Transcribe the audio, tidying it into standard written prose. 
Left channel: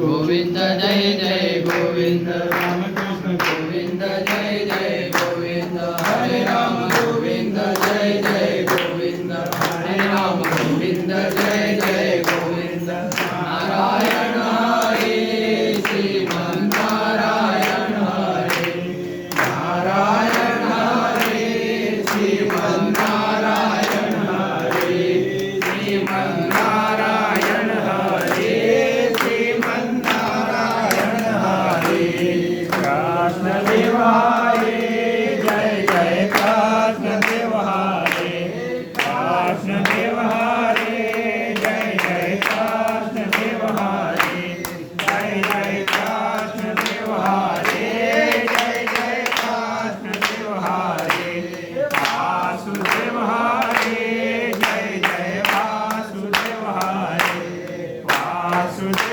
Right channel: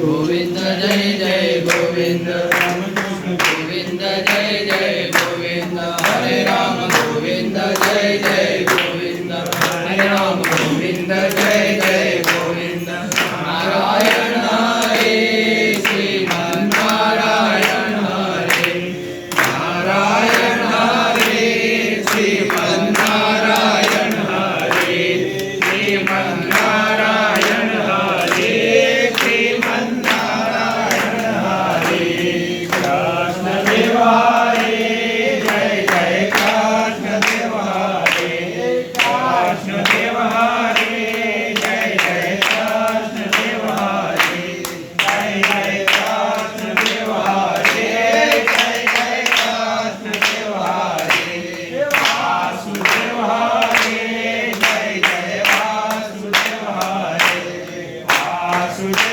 Govind Jai Jai Govind Govind Jai Jai Govind Hare Ram Govind Jai Jai Govind Hare Ram Govind Jai Jai Govind Narayan Hare Sriman Narayana Hare Narayan Hare Sriman Narayana Hare Sriman Narayana Hare Sutra